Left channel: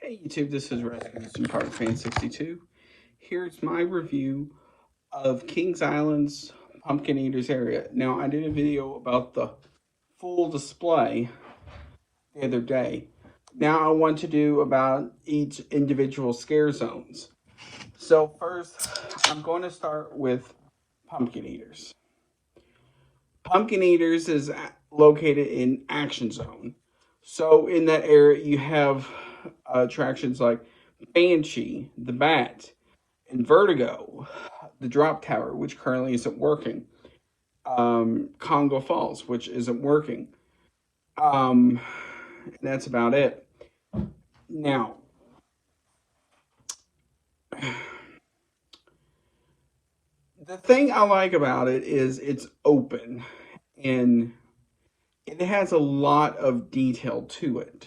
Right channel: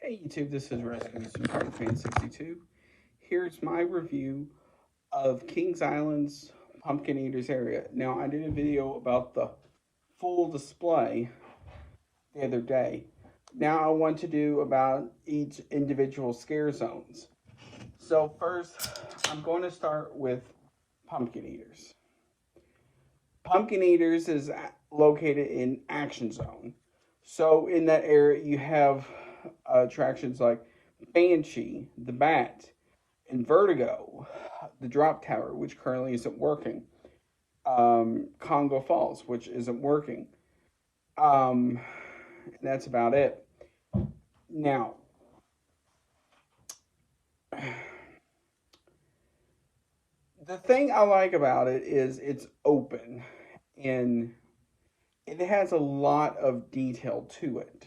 Hey YouTube, this is Rescue Fan 62. Here's my review of Kings Island's Pumpkin Eaters area. Now, I did a video about the full display the other day. Now I want to do about each individual scare zones. So first, I'm going to start with Pumpkin Eaters. Pumpkin Eaters is located in Action Zone. So in that area, you have attractions like Banshee, the Bat, and Vertigo, the Drop Tower, which currently isn't working. Congo Falls, which isn't working. That's about it. Now, the thing I like about it is it's open and it has a lot of detail to it.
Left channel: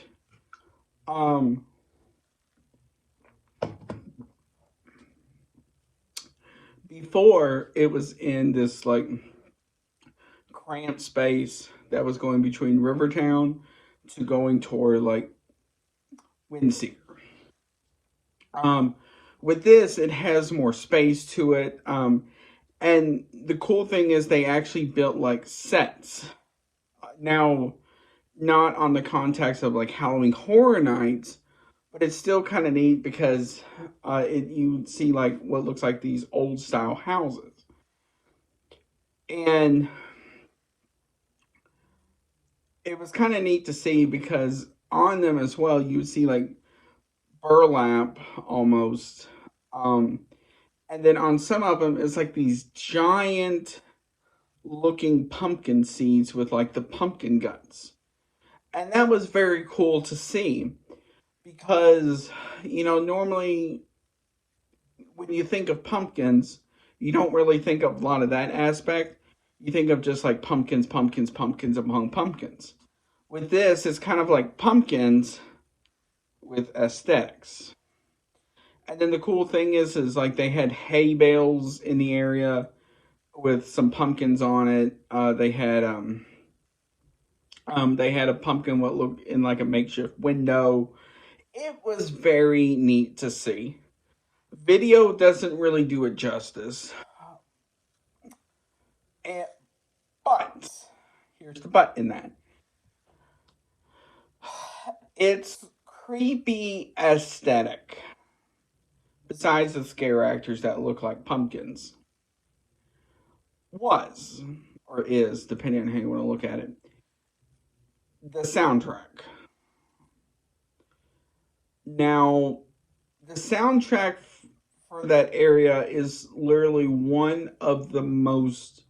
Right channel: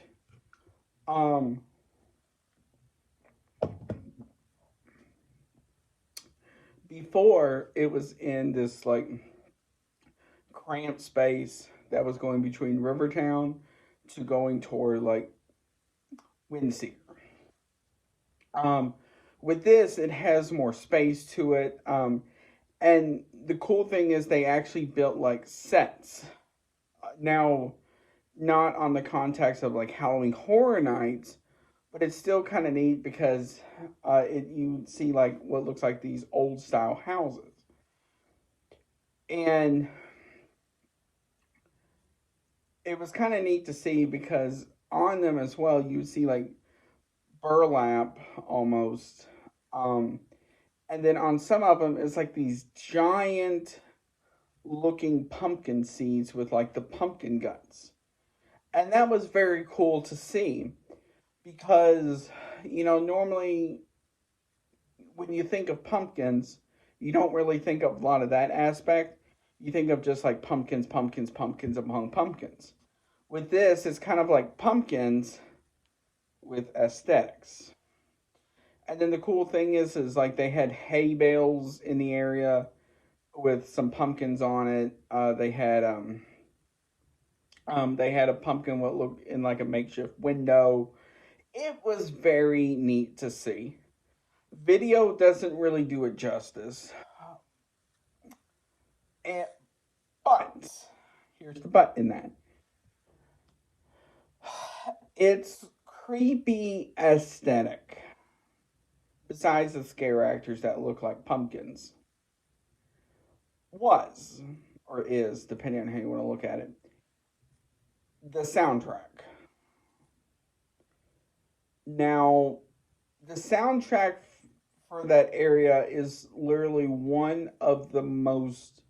Before it was in this like cramped space that was going between Rivertown to going toward like Windseeker. With this, it has more space to it. And the cool thing is they actually built like sets. Now, not on the context of like Halloween Horror Nights, but it's still kind of neat because you see like what looks like these old style houses. And it was kind of neat to see because on them as well, you would see like burlap almost. And then on some of them, it's like these giant looking pumpkin seeds with like the pumpkin guts. And that was very cool to see because, normally when you think of pumpkins, you don't really think of a lot of that aspect. You think of just like pumpkins, pumpkins, pumpkins among pumpkins. With this, it's kind of like pumpkins with aesthetics. And then the cool thing is like they had hay bales in the area with some pumpkins on it. They had a pumpkin what looked in like a makeshift window. It was very neat to see. Video doesn't really do it justice. But here's the but in that. It's creepy aesthetic. Besides the scare actors that look like pumpkins. Was, or is, depending on how you want to look at it, the soundtrack. Now, the soundtrack for that area is literally one of the most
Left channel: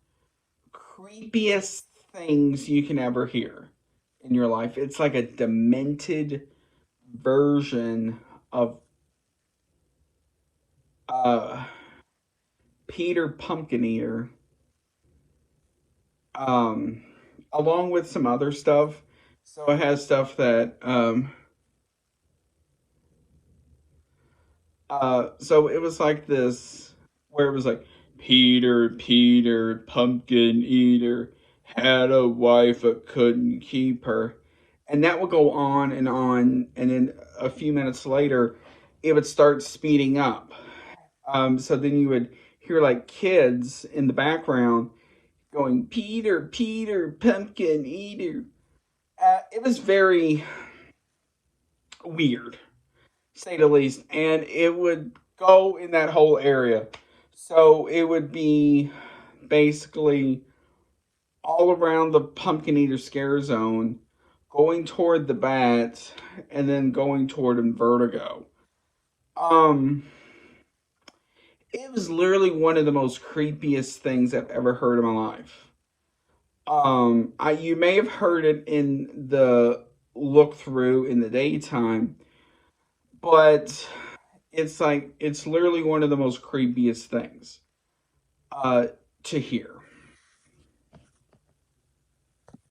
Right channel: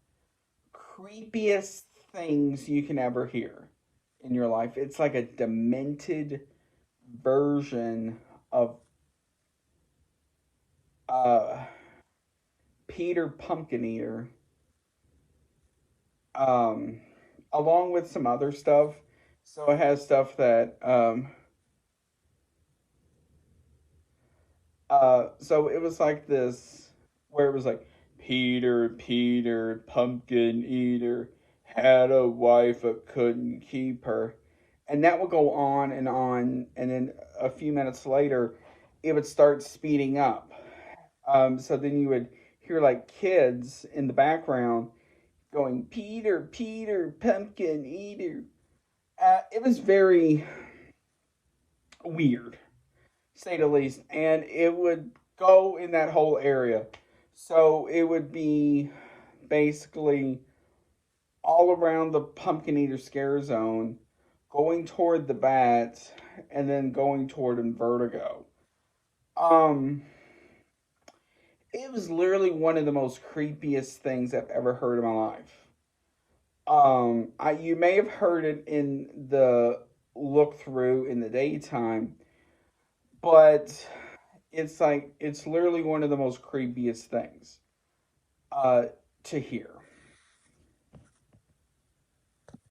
creepiest things you can ever hear in your life. It's like a demented version of Peter Pumpkin Eater, along with some other stuff. So it has stuff that so it was like this where it was like Peter Pumpkin Eater had a wife but couldn't keep her. And that would go on, and then a few minutes later it would start speeding up. So then you would hear like kids in the background going, Peter, Pumpkin Eater. It was very weird, say the least. And it would go in that whole area. So it would be basically all around the Pumpkin Eater scare zone, going toward the bat, and then going toward Vertigo. It was literally one of the most creepiest things I've ever heard in my life. You may have heard it in the look through in the daytime, but it's literally one of the most creepiest things to hear.